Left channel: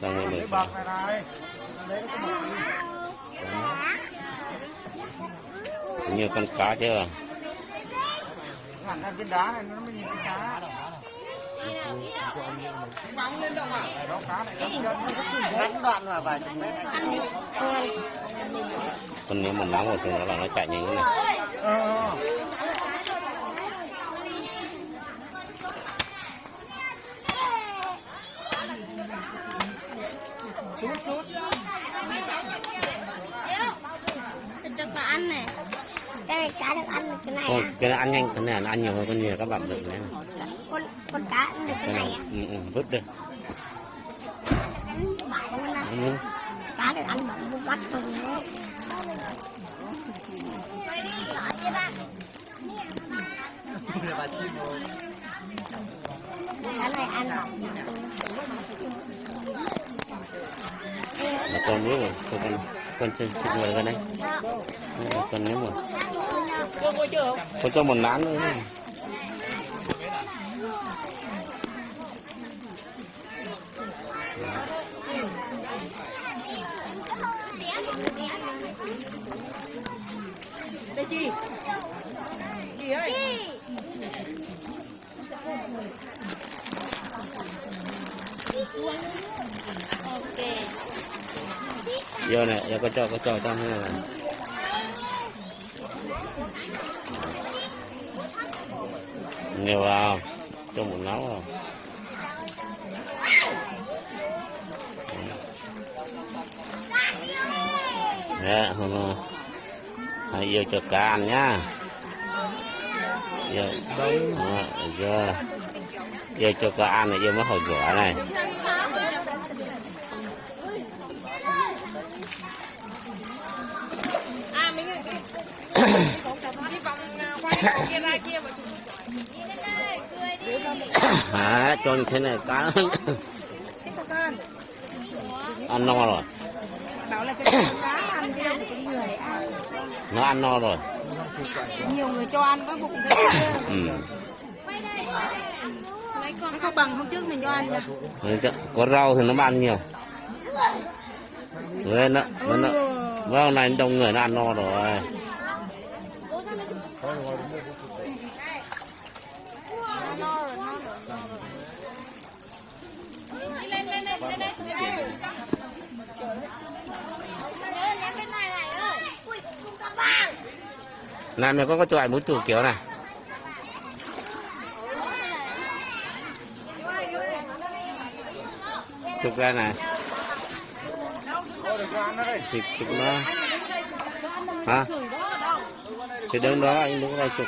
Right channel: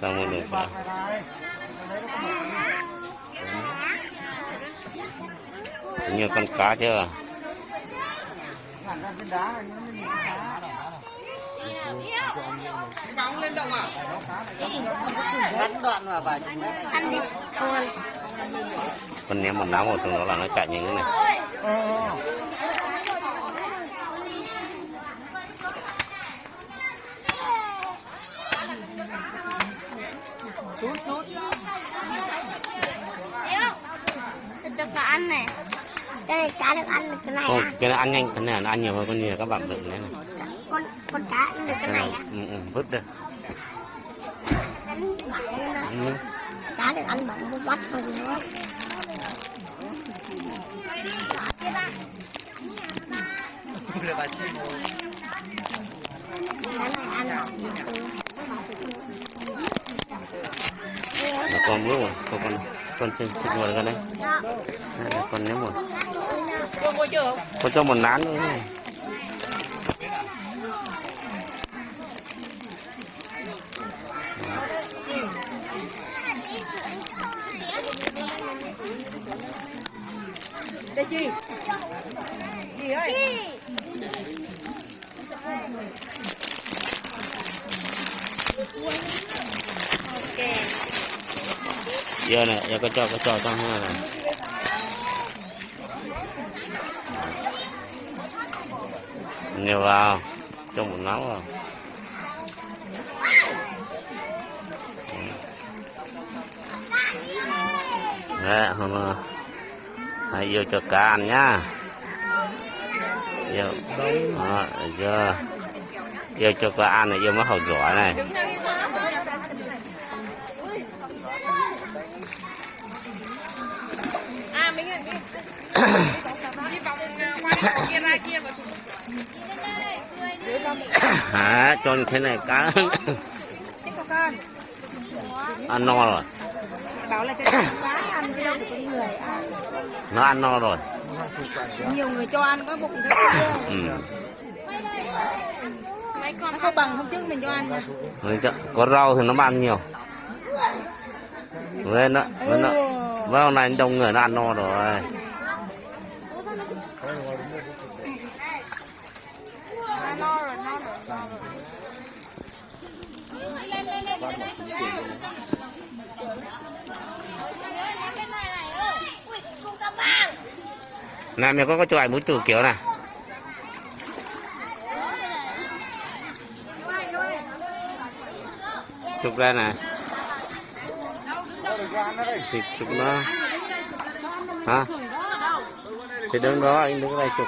Xong rồi được phải. Nhiều con cá chưa? Ăn đi. Con ném một nắm một nó là nó chạy như thế này. Cho cá ăn này. Cái này cá được ăn được cái này Ô, à? cái này ăn nhanh, cái này nó ăn nhiều hơn con nhiều các bạn đừng nhé. Con cá ăn được cái này à? Vứt đi. Cá được ăn bằng một bắt thôi nữa. Cá này ăn này. Là con bước rồi, con trên ngồi ra đây. Con nhớ một. Con cho một nán nữa. Đây chị. Chị ơi. Ok. Giờ này, giờ có cho ha này. Nhiều vào, cho một nấu vào. Đấy, hôm hãy vô cho cá ăn nhá. Vô cho cá ăn này, vô mới hột rửa này. Cho như thế này cá ăn no rồi. Bảo là cái cá ăn cái đâu của người ăn. Nó ăn no rồi. Nhiều người cho ăn có bụng nó có bằng hôm trước mình cho ăn mà. Có rau thì nó ăn nhiều. Nó vâng này đông người nó ăn no rồi. Này mày có cho ảnh muốn chủ kiểu này. Chụp ra này. Thì chụp nó. Hả? Thì đứng đó anh đứng đây chụp.